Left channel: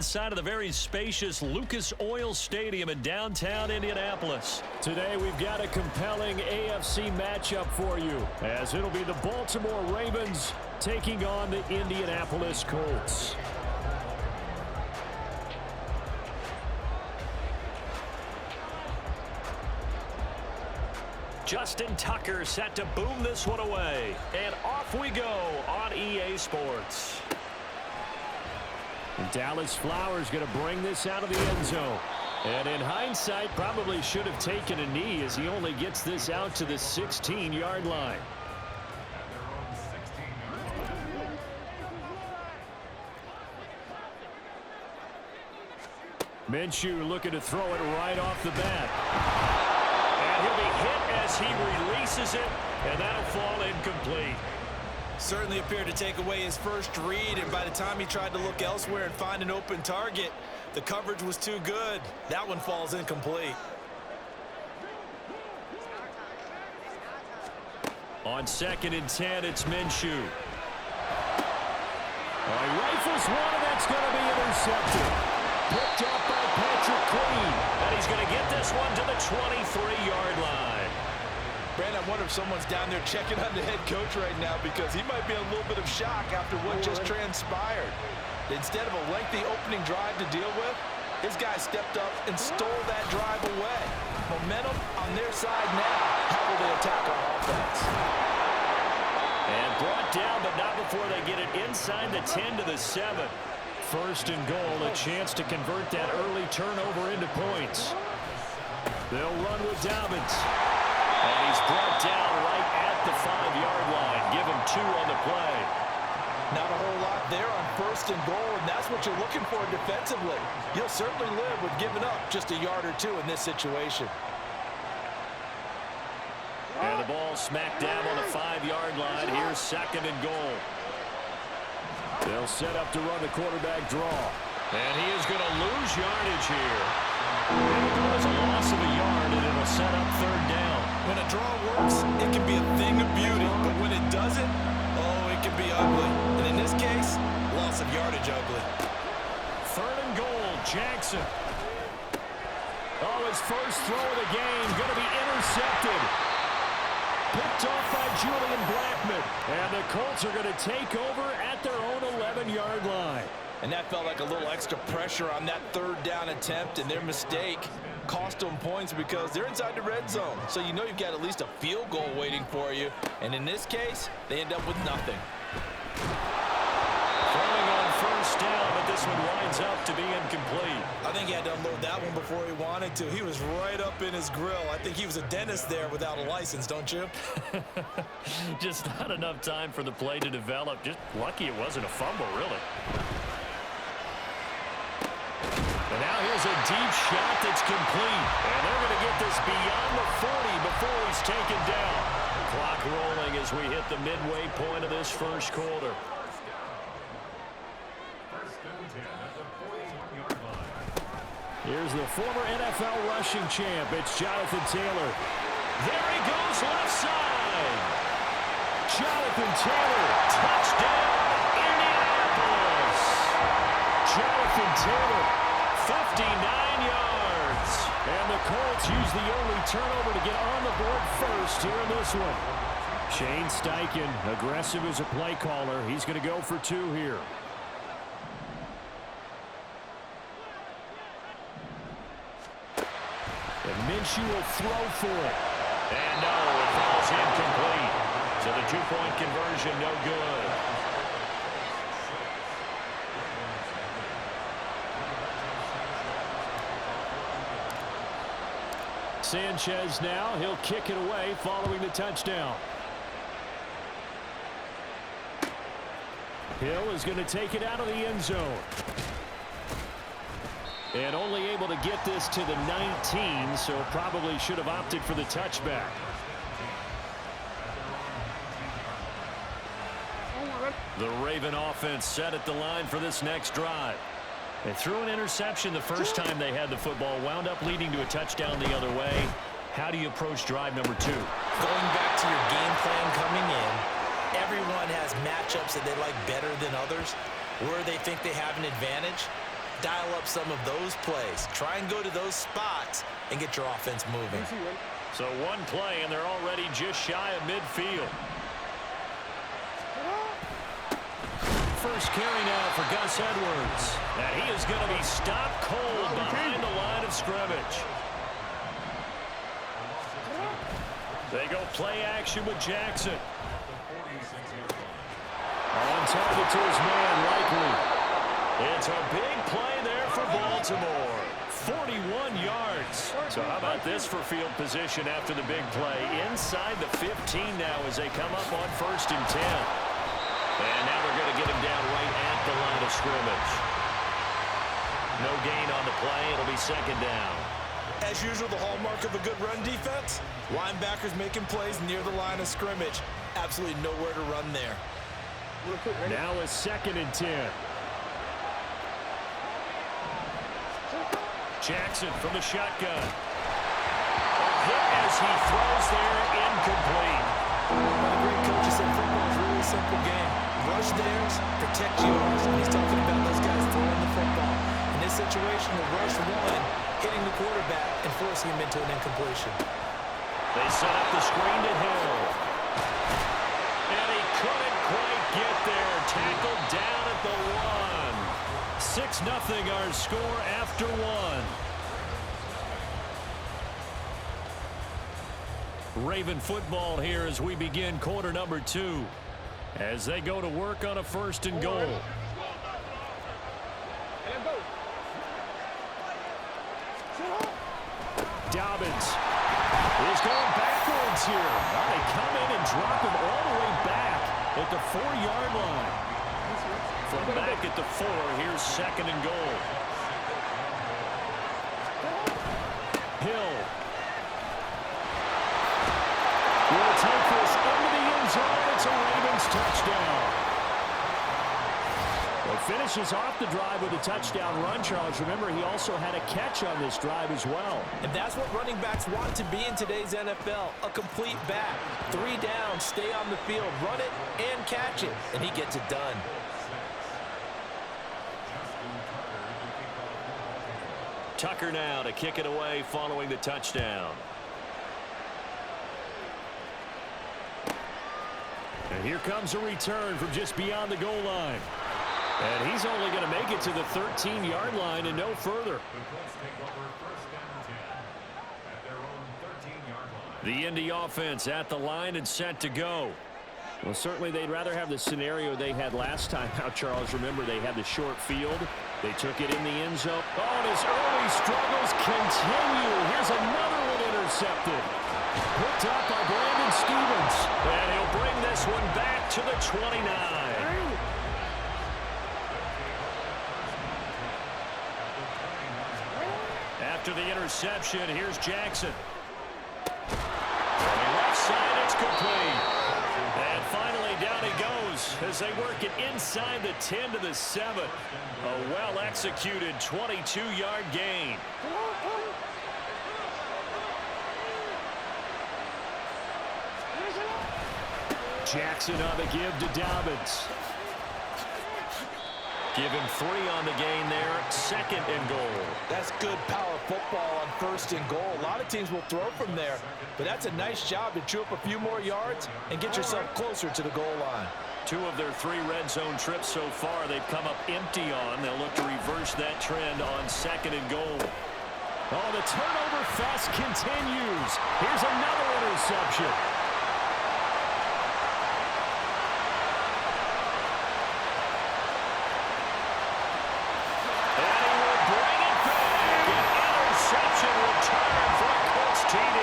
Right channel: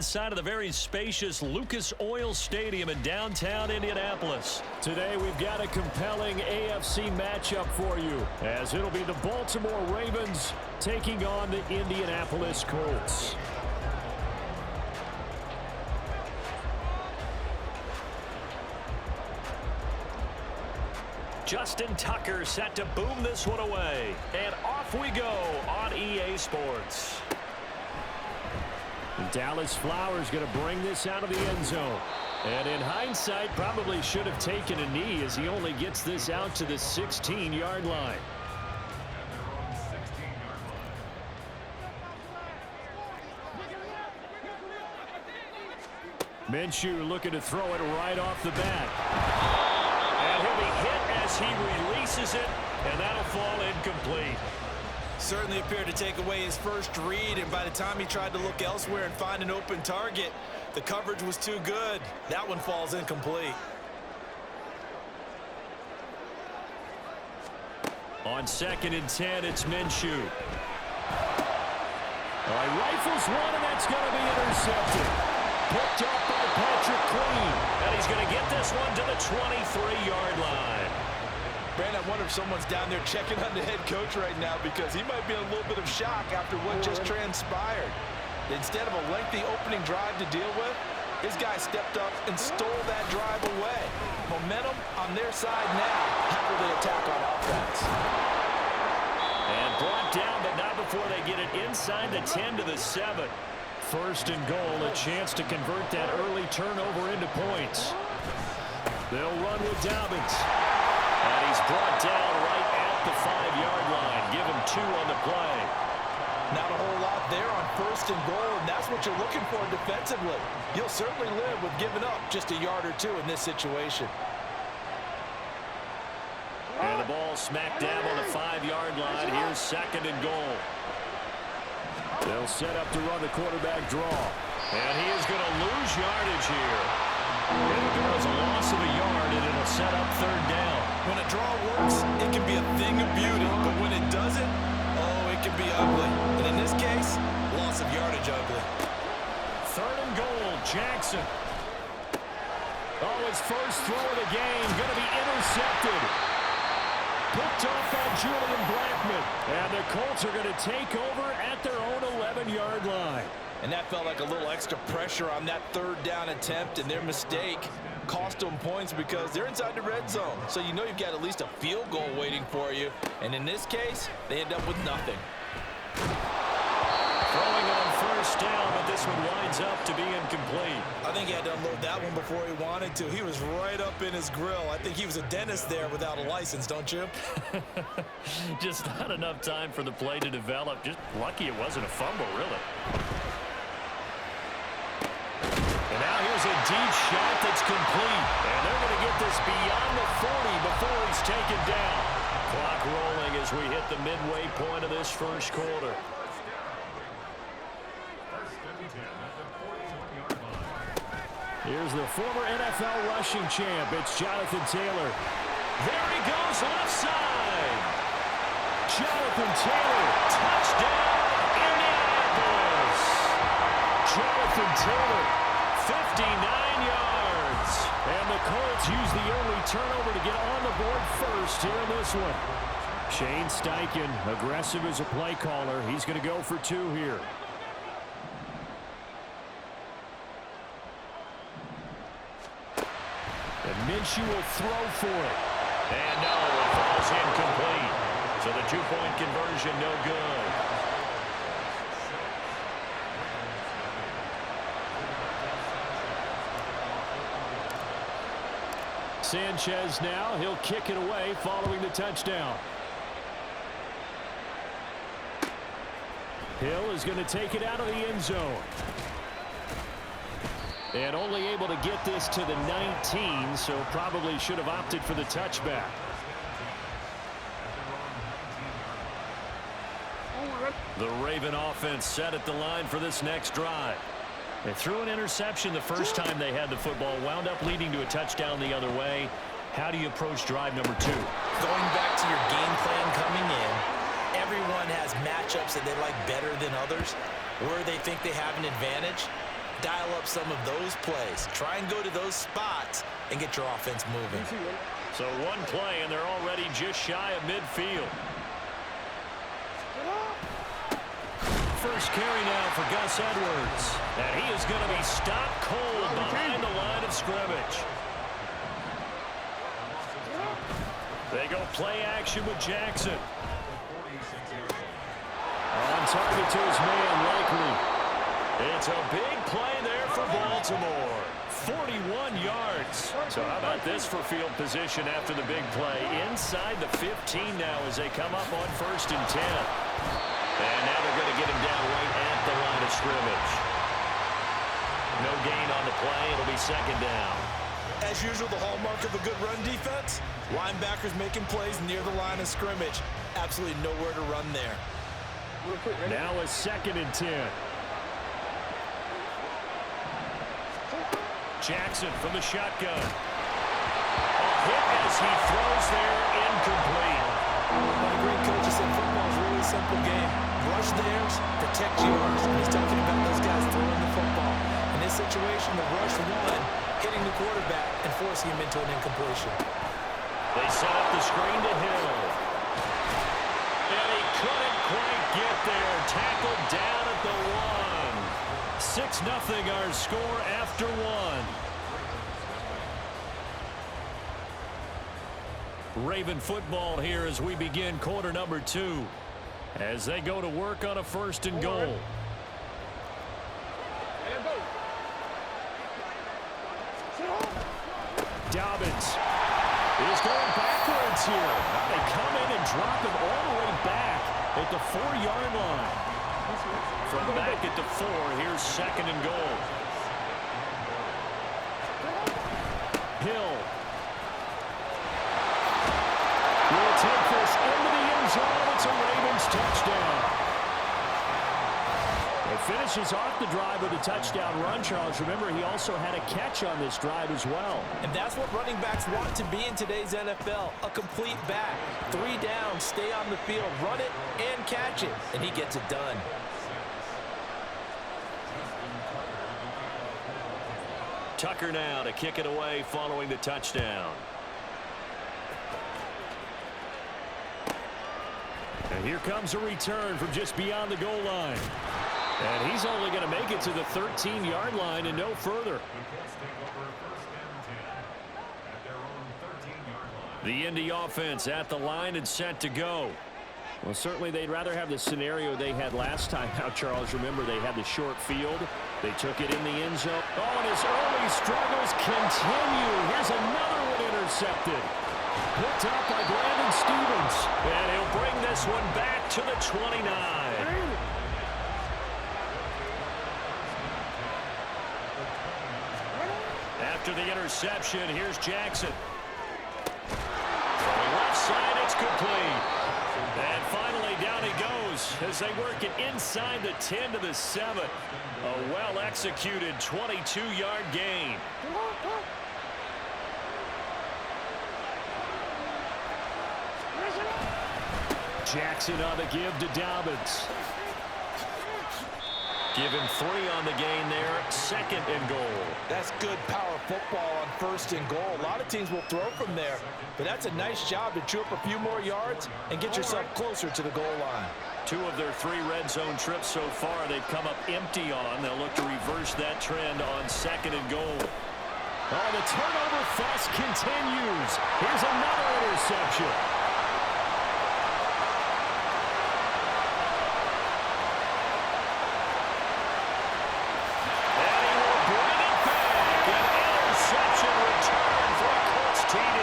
Side of the very spacious Lucas Oil Stadium in downtown Indianapolis. Today we've got a compelling AFC matchup for you, as it'll be the Baltimore Ravens taking on the Indianapolis Colts. Justin Tucker set to boom this one away. And off we go on EA Sports. And Dallas Flowers going to bring this out of the end zone. And in hindsight, probably should have taken a knee as he only gets this out to the 16-yard line. Minshew looking to throw it right off the bat. And he'll be hit as he releases it, and that'll fall incomplete. Certainly appeared to take away his first read, and by the time he tried to look elsewhere and find an open target, the coverage was too good. That one falls incomplete. On 2nd and 10, it's Minshew. He rifles one, and that's going to be intercepted. Picked up by Patrick Queen. And he's going to get this one to the 23-yard line. Brandon, I wonder if someone's down there checking on the head coach right now, because he might be in a little bit of shock after what just transpired. Instead of a lengthy opening drive to deal with, his guy stepped up and stole that drive away. Momentum on their side now. How will they attack on offense? And brought down, but not before they get it inside the 10 to the 7. 1st and goal, a chance to convert that early turnover into points. They'll run with Dobbins. And he's brought down right at the 5-yard line. Give him 2 on the play. Not a whole lot there on 1st and goal, and that's what you're looking for defensively. You'll certainly live with giving up just a yard or 2 in this situation. And the ball smack dab on the 5-yard line. Here's 2nd and goal. They'll set up to run the quarterback draw. And he is going to lose yardage here. It'll go as a loss of a yard, and it'll set up 3rd down. When a draw works, it can be a thing of beauty. But when it doesn't, oh, it can be ugly. And in this case, loss of yardage ugly. 3rd and goal, Jackson. Oh, his first throw of the game going to be intercepted. Picked off by Julian Blackmon. And the Colts are going to take over at their own 11-yard line. And that felt like a little extra pressure on that 3rd down attempt, and their mistake cost them points because they're inside the red zone. So you know you've got at least a field goal waiting for you. And in this case, they end up with nothing. Throwing on 1st down, but this one winds up to be incomplete. I think he had to unload that one before he wanted to. He was right up in his grill. I think he was a dentist there without a license, don't you? Just not enough time for the play to develop. Just lucky it wasn't a fumble, really. And now here's a deep shot that's complete. And they're going to get this beyond the 40 before he's taken down. Clock rolling as we hit the midway point of this 1st quarter. Here's the former NFL rushing champ. It's Jonathan Taylor. There he goes, left side. Jonathan Taylor, touchdown, Indianapolis. Jonathan Taylor, 59 yards. And the Colts use the only turnover to get on the board first here in this one. Shane Steichen, aggressive as a play caller. He's going to go for 2 here. And Minshew will throw for it. And no, it falls incomplete. So the 2-point conversion no good. Sanchez now, he'll kick it away following the touchdown. Hill is going to take it out of the end zone. And only able to get this to the 19, so probably should have opted for the touchback. The Raven offense set at the line for this next drive. They threw an interception the first time they had the football, wound up leading to a touchdown the other way. How do you approach drive number 2? Going back to your game plan coming in, everyone has matchups that they like better than others, where they think they have an advantage. dial up some of those plays. Try and go to those spots and get your offense moving. So one play, and they're already just shy of midfield. First carry now for Gus Edwards. And he is going to be stopped cold behind the line of scrimmage. They go play action with Jackson. On target to his man, Likely. It's a big play there for Baltimore. 41 yards. So how about this for field position after the big play? Inside the 15 now as they come up on 1st and 10. And now they're going to get him down right at the line of scrimmage. No gain on the play. It'll be 2nd down. As usual, the hallmark of a good run defense, linebackers making plays near the line of scrimmage. Absolutely nowhere to run there. Now a 2nd and 10. Jackson from the shotgun. A hit as he throws there, incomplete. One of the great coaches said football is a really simple game. Rush theirs, protect yours. And he's talking about those guys throwing the football. In this situation, the rush one, hitting the quarterback and forcing him into an incompletion. They set up the screen to Hill. And he couldn't quite get there. Tackled down at the 1. 6-0 our score after 1. Raven football here as we begin quarter number 2. As they go to work on a 1st and goal. Dobbins is going backwards here. Now they come in and drop him all the way back at the 4-yard line. From back at the 4, here's 2nd and goal. Hill will take this into the end zone. It's a Ravens touchdown. It finishes off the drive with a touchdown run, Charles. Remember, he also had a catch on this drive as well. And that's what running backs want to be in today's NFL, a complete back. 3 down, stay on the field, run it and catch it, and he gets it done. Tucker now to kick it away following the touchdown. And here comes a return from just beyond the goal line. And he's only going to make it to the 13-yard line and no further. The Indy offense at the line and set to go. Well, certainly they'd rather have the scenario they had last time out, Charles. Remember, they had the short field. They took it in the end zone. Oh, and his early struggles continue. Here's another one intercepted. Picked up by Brandon Stevens. And he'll bring this one back to the 29. After the interception, here's Jackson. From the left side, it's complete. And finally, down he goes as they work it inside the 10 to the 7. A well-executed 22-yard gain. Jackson on the give to Dobbins. Give him 3 on the gain there. 2nd and goal. That's good power football on 1st and goal. A lot of teams will throw from there, but that's a nice job to chew up a few more yards and get yourself closer to the goal line. 2 of their 3 red zone trips so far they've come up empty on. They'll look to reverse that trend on 2nd and goal. Oh, the turnover fest continues. Here's another interception. Return for a Colts TD.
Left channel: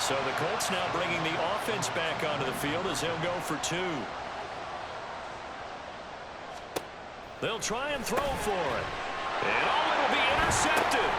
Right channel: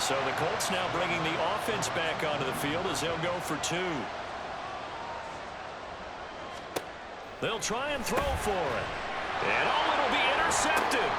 So the Colts now bringing the offense back onto the field as they'll go for 2. They'll try and throw for it. And oh, it'll be intercepted.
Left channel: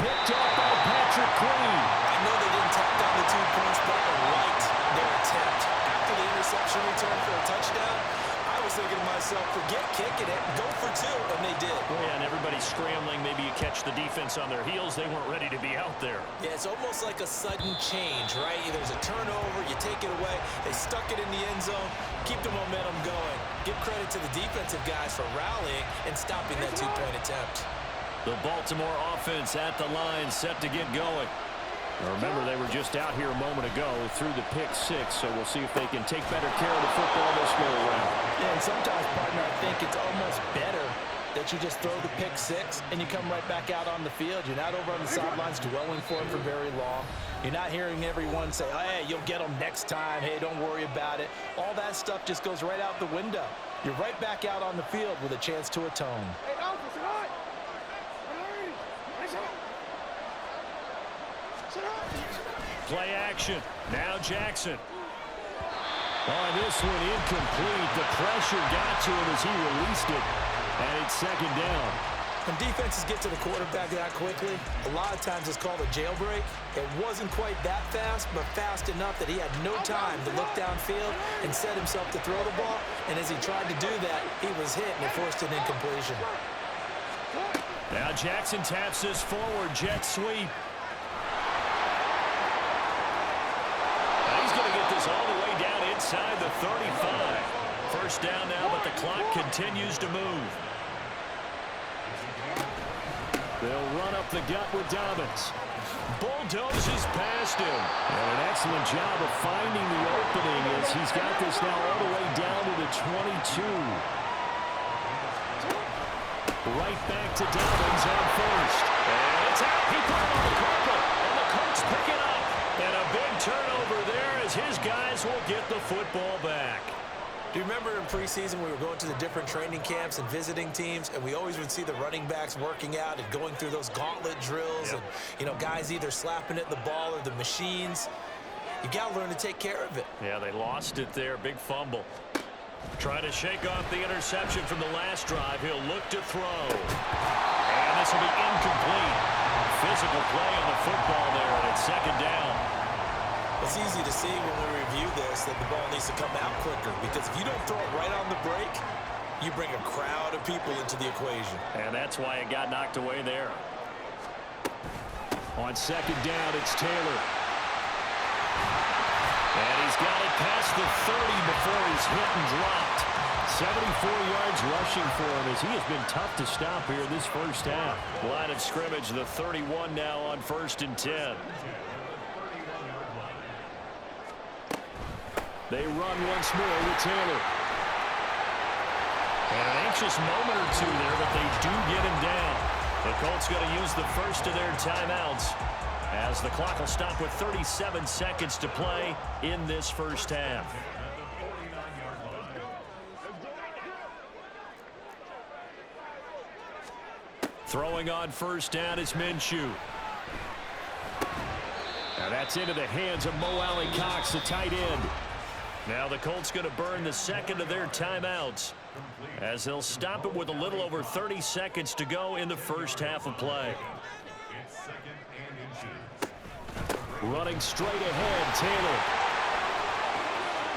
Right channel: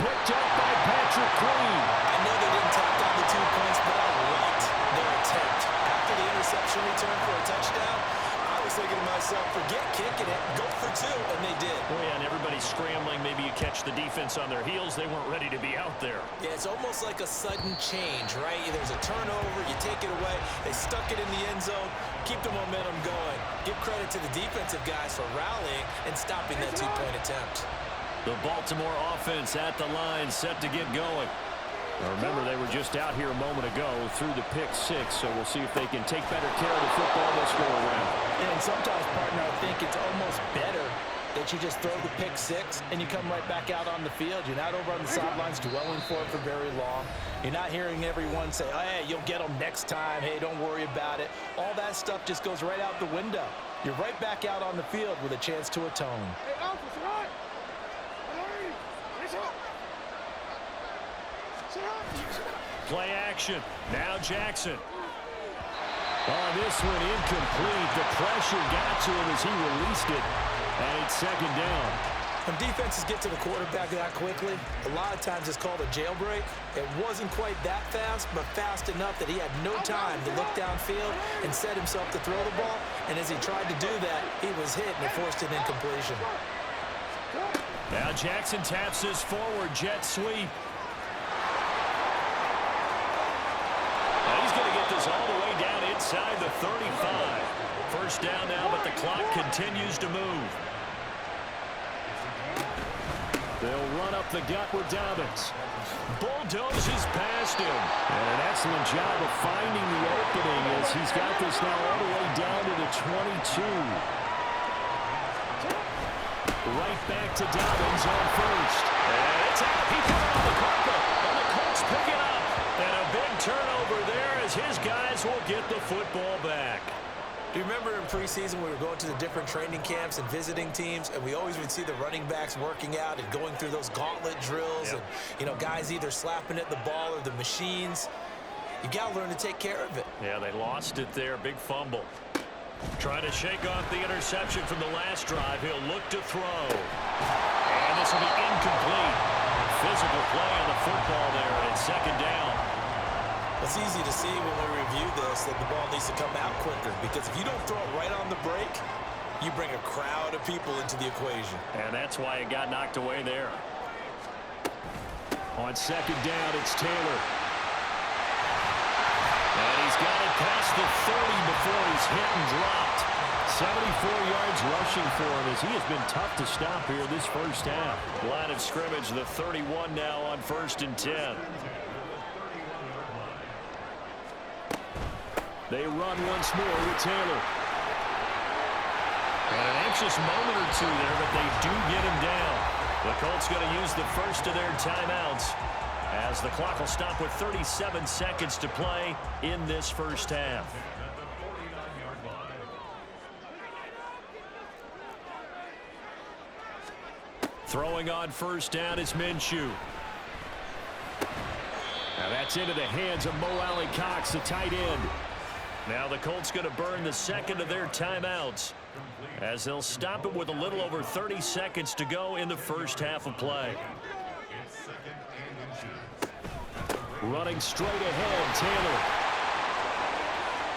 Picked up by Patrick Queen. I know they didn't tack on the 2 points, but I liked their attempt. After the interception return for a touchdown, I was thinking to myself, forget kicking it, go for two, and they did. Well, yeah, and everybody's scrambling. Maybe you catch the defense on their heels. They weren't ready to be out there. Yeah, it's almost like a sudden change, right? There's a turnover, you take it away, they stuck it in the end zone, keep the momentum going. Give credit to the defensive guys for rallying and stopping that two-point attempt. The Baltimore offense at the line, set to get going. Now remember, they were just out here a moment ago through the pick six, so we'll see if they can take better care of the football this go-around. Yeah, and sometimes, partner, I think it's almost better that you just throw the pick six and you come right back out on the field. You're not over on the sidelines dwelling for it for very long. You're not hearing everyone say, oh, hey, you'll get them next time. Hey, don't worry about it. All that stuff just goes right out the window. You're right back out on the field with a chance to atone. Hey, Alpha, sit hot. Play action. Now Jackson. On this one, incomplete. The pressure got to him as he released it. And it's second down. When defenses get to the quarterback that quickly, a lot of times it's called a jailbreak. It wasn't quite that fast, but fast enough that he had no time to look downfield and set himself to throw the ball. And as he tried to do that, he was hit and it forced an incompletion. Now Jackson taps this forward, jet sweep. Now he's going to get this all the way down inside the 35. First down now, but the clock continues to move. They'll run up the gut with Dobbins. Bulldozes past him. And an excellent job of finding the opening as he's got this now all the way down to the 22. Right back to Dobbins on first. And it's out. He put it on the carpet. And the Colts pick it up. And a big turnover there as his guys will get the football back. Do you remember in preseason we were going to the different training camps and visiting teams, and we always would see the running backs working out and going through those gauntlet drills, and, you know, guys either slapping at the ball or the machines. You got to learn to take care of it. Yeah, they lost it there. Big fumble. Trying to shake off the interception from the last drive. He'll look to throw. And this will be incomplete. Physical play on the football there, and it's second down. It's easy to see when we review this that the ball needs to come out quicker, because if you don't throw it right on the break, you bring a crowd of people into the equation. And that's why it got knocked away there. On second down, it's Taylor. And he's got it past the 30 before he's hit and dropped. 74 yards rushing for him as he has been tough to stop here this first half. Line of scrimmage, the 31 now on 1st and 10. They run once more with Taylor. And an anxious moment or two there, but they do get him down. The Colts going to use the first of their timeouts as the clock will stop with 37 seconds to play in this first half. Throwing on first down is Minshew. Now that's into the hands of Mo Alley-Cox, the tight end. Now the Colts going to burn the second of their timeouts as they'll stop it with a little over 30 seconds to go in the first half of play. Running straight ahead, Taylor.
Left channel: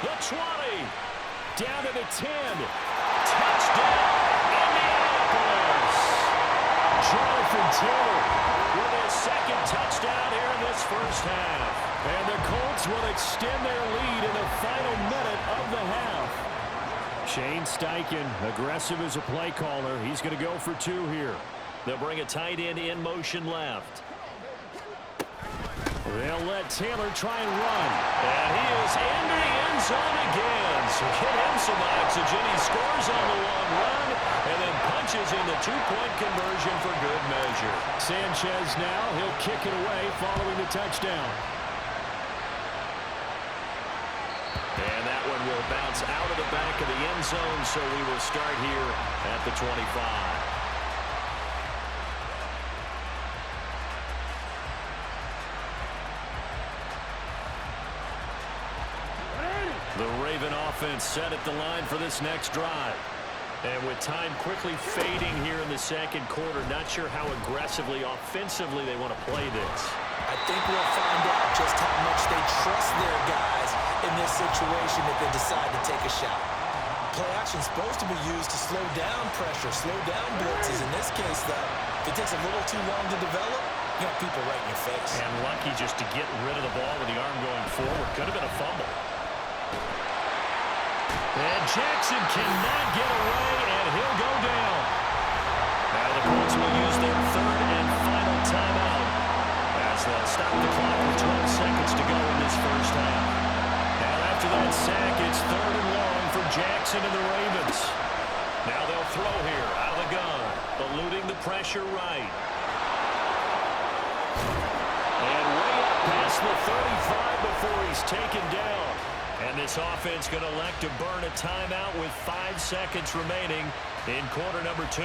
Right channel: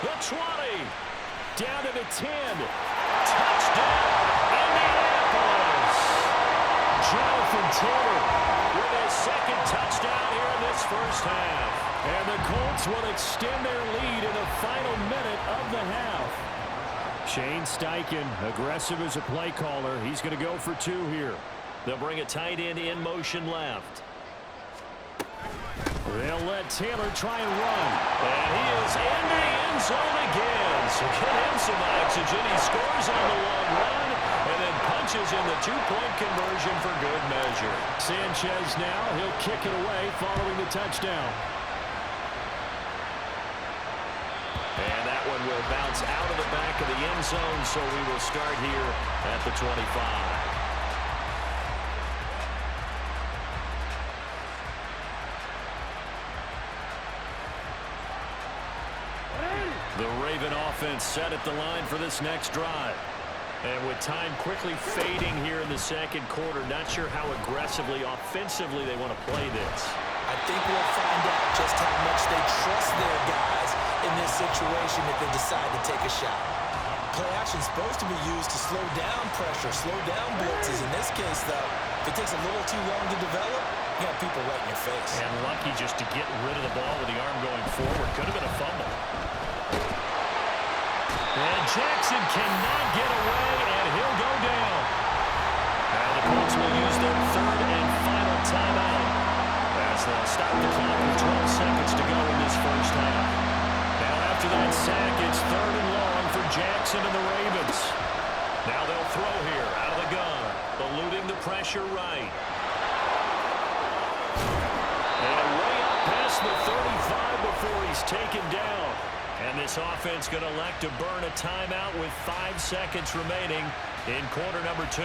The 20. Down to the 10. Touchdown, Indianapolis. Jonathan Taylor with his second touchdown here in this first half. And the Colts will extend their lead in the final minute of the half. Shane Steichen, aggressive as a play caller. He's going to go for two here. They'll bring a tight end in motion left. They'll let Taylor try and run. And he is in the end zone again. So get him some oxygen. He scores on the long run and then punches in the two-point conversion for good measure. Sanchez now, he'll kick it away following the touchdown. And that one will bounce out of the back of the end zone, so we will start here at the 25. The Raven offense set at the line for this next drive. And with time quickly fading here in the second quarter, not sure how aggressively, offensively they want to play this. I think we'll find out just how much they trust their guys in this situation if they decide to take a shot. Play action is supposed to be used to slow down pressure, slow down blitzes. In this case, though, if it takes a little too long to develop, you have people right in your face. And lucky just to get rid of the ball with the arm going forward. Could have been a fumble. And Jackson cannot get away, and he'll go down. Now the Colts will use their third and final timeout as they'll stop the clock with 12 seconds to go in this first half. Now after that sack, it's third and long for Jackson and the Ravens. Now they'll throw here out of the gun, eluding the pressure right. And way up past the 35 before he's taken down. And this offense going to elect to burn a timeout with 5 seconds remaining in quarter number 2.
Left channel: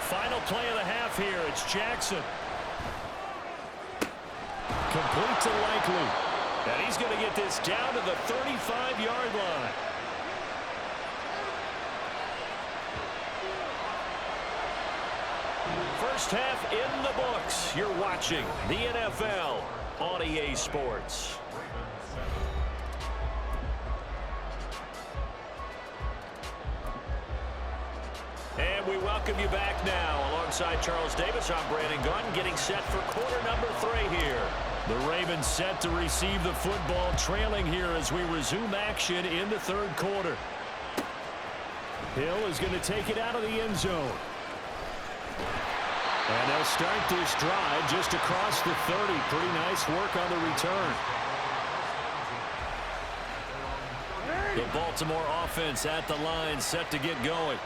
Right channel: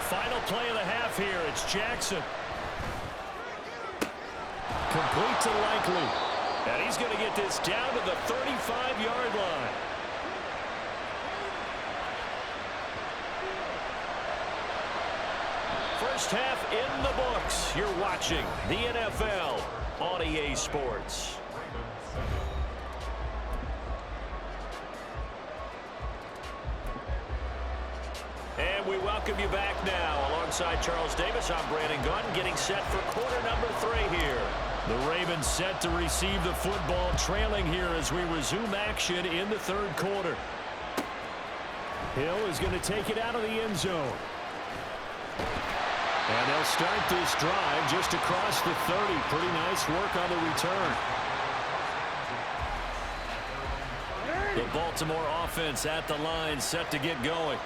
Final play of the half here. It's Jackson. Complete to Likely. And he's going to get this down to the 35-yard line. First half in the books. You're watching the NFL on EA Sports. And we welcome you back now. Alongside Charles Davis, I'm Brandon Gunn, getting set for quarter number 3 here. The Ravens set to receive the football, trailing here as we resume action in the third quarter. Hill is going to take it out of the end zone. And they'll start this drive just across the 30. Pretty nice work on the return. The Baltimore offense at the line, set to get going.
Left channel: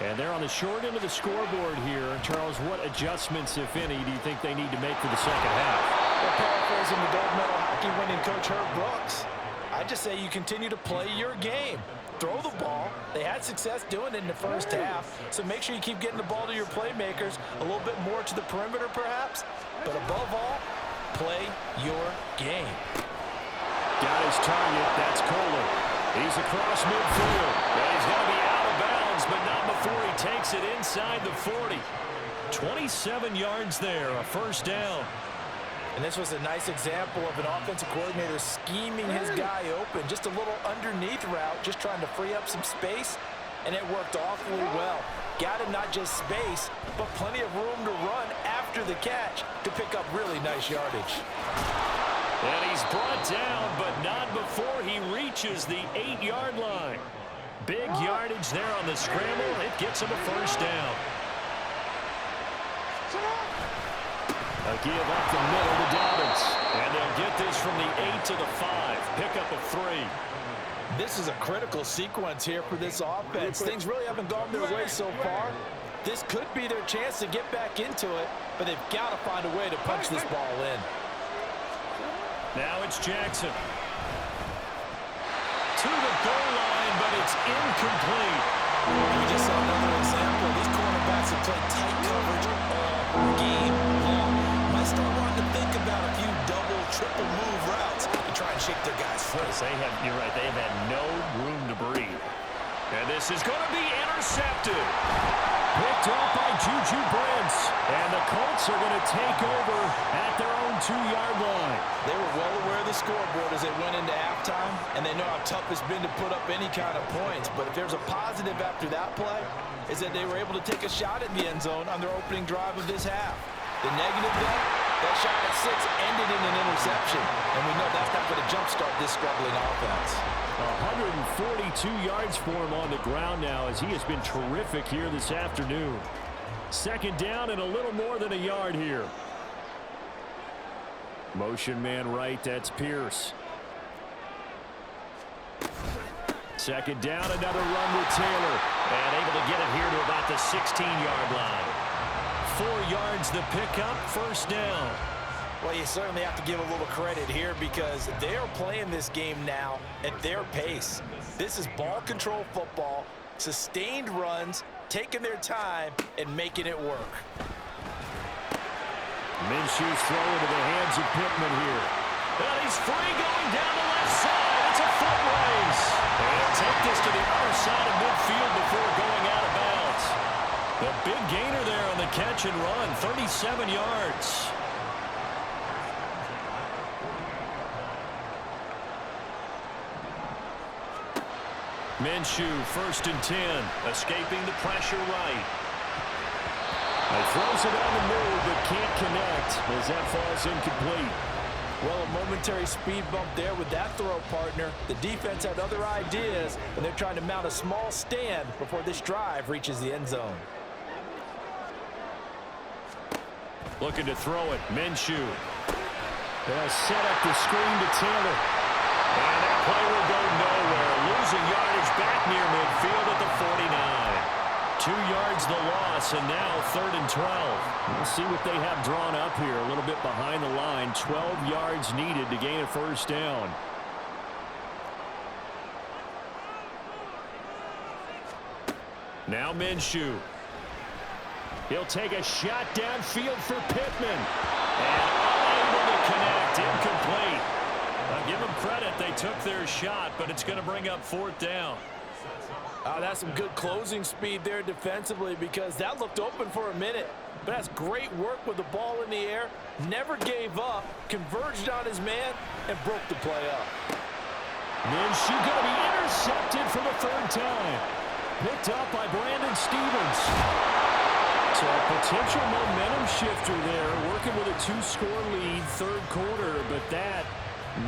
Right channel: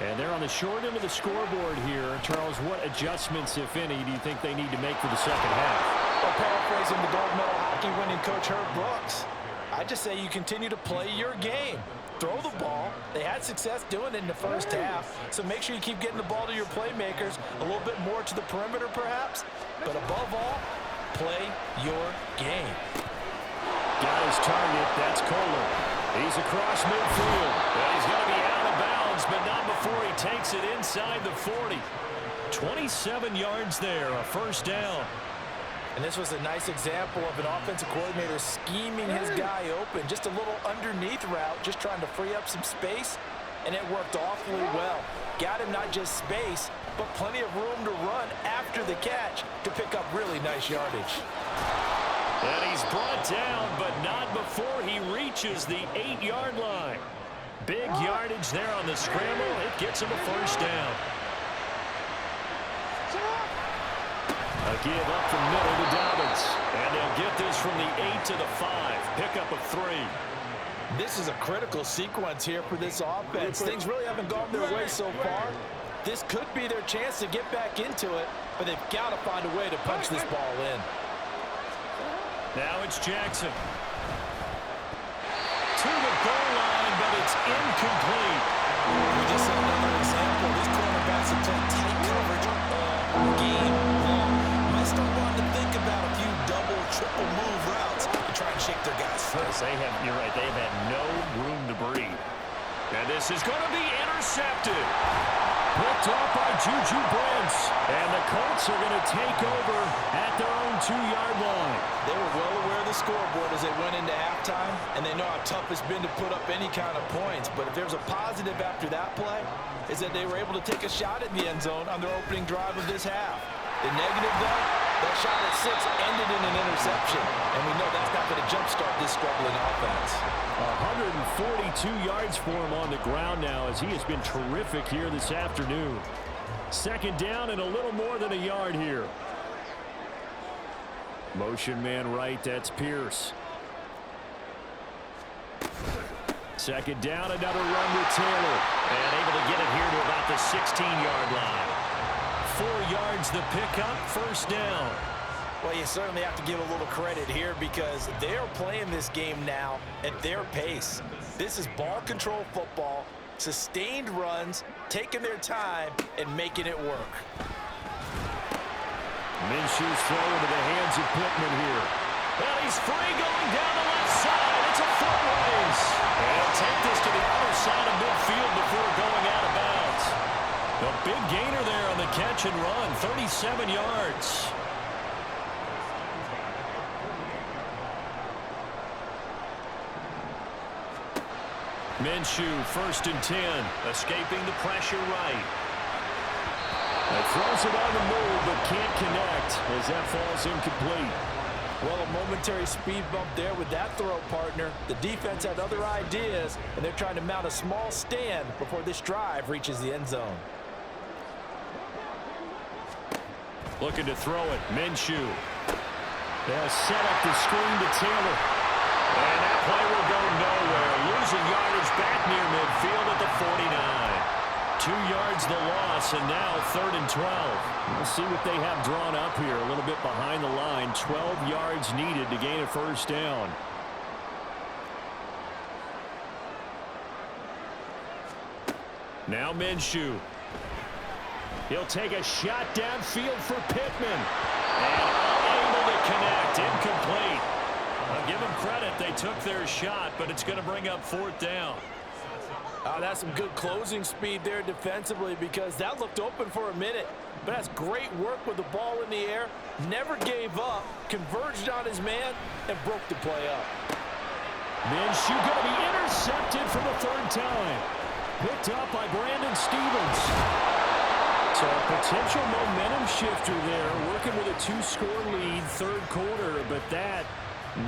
And they're on the short end of the scoreboard here. Charles, what adjustments, if any, do you think they need to make for the second half? Well, paraphrasing the gold medal hockey winning coach Herb Brooks, I just say you continue to play your game. Throw the ball. They had success doing it in the first half, so make sure you keep getting the ball to your playmakers, a little bit more to the perimeter perhaps, but above all, play your game. Got his target. That's Kohler. He's across midfield. And he's going to be out of bounds, but not before he takes it inside the 40. 27 yards there, a first down. And this was a nice example of an offensive coordinator scheming his guy open. Just a little underneath route, just trying to free up some space, and it worked awfully well. Got him not just space, but plenty of room to run after the catch to pick up really nice yardage. And he's brought down, but not before he reaches the 8-yard line. Big yardage there on the scramble. It gets him a first down. A give up the middle to Dobbins. And they'll get this from the 8 to the 5. Pickup of 3. This is a critical sequence here for this offense. Things really haven't gone their way so far. This could be their chance to get back into it, but they've got to find a way to punch this ball in. Now it's Jackson. To the goal line, but it's incomplete. We just saw another example. These cornerbacks have played tight coverage all game long. Might start wanting to think about a few double, triple move routes to try and shake their guys free. You're right, they have had no room to breathe. And this is going to be intercepted. Picked off by Juju Brents. And the Colts are going to take over at their own 2-yard line. They were well aware of the scoreboard as they went into halftime, and they know how tough it's been to put up any kind of points. But if there's a positive after that play, is that they were able to take a shot at the end zone on their opening drive of this half. The negative, though, that shot at 6 ended in an interception, and we know that's not going to jumpstart this struggling offense. 142 yards for him on the ground now as he has been terrific here this afternoon. Second down and a little more than a yard here. Motion man right, that's Pierce. Second down, another run with Taylor. And able to get it here to about the 16-yard line. 4 yards the pickup, first down. Well, you certainly have to give a little credit here because they're playing this game now at their pace. This is ball control football, sustained runs, taking their time, and making it work. Minshew's throw into the hands of Pittman here. Well, he's free going down the left side. It's a foot race. And he'll take this to the other side of midfield before going out of bounds. The big gainer there on the catch and run, 37 yards. Minshew, 1st and 10, escaping the pressure right. He throws it on the move, but can't connect as that falls incomplete. Well, a momentary speed bump there with that throw, partner. The defense had other ideas, and they're trying to mount a small stand before this drive reaches the end zone. Looking to throw it, Minshew. They'll set up the screen to Taylor. And that play will go nowhere. Losing yardage back near midfield at the 49. 2 yards the loss, and now 3rd and 12. We'll see what they have drawn up here. A little bit behind the line. 12 yards needed to gain a 1st down. Now Minshew. He'll take a shot downfield for Pittman. And unable to connect. Incomplete. I'll give them credit. They took their shot, but it's going to bring up 4th down. That's some good closing speed there defensively, because that looked open for a minute. But that's great work with the ball in the air. Never gave up, converged on his man, and broke the play up. Minshew going to be intercepted for the 3rd time. Picked up by Brandon Stevens. So a potential momentum shifter there, working with a 2-score lead, 3rd quarter, but that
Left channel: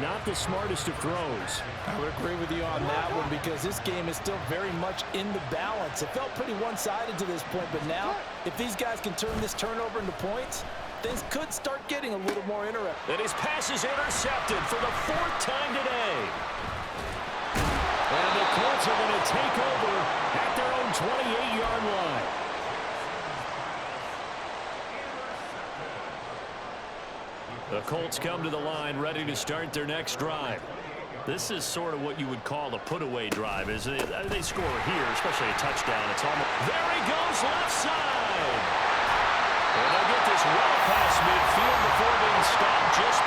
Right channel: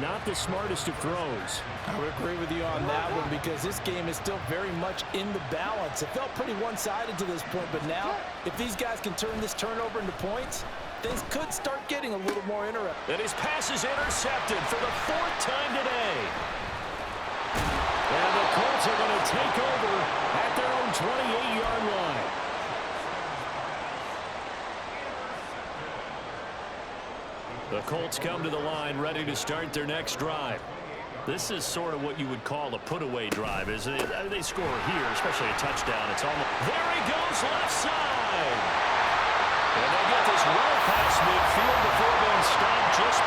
not the smartest of throws. I would agree with you on that one, because this game is still very much in the balance. It felt pretty one-sided to this point, but now if these guys can turn this turnover into points, things could start getting a little more interesting. And his pass is intercepted for the 4th time today. And the Colts are going to take over at their own 28-yard line. The Colts come to the line ready to start their next drive. This is sort of what you would call a put-away drive, isn't it? They score here, especially a touchdown. It's almost... There he goes, left side! And they'll get this well past midfield before being stopped just...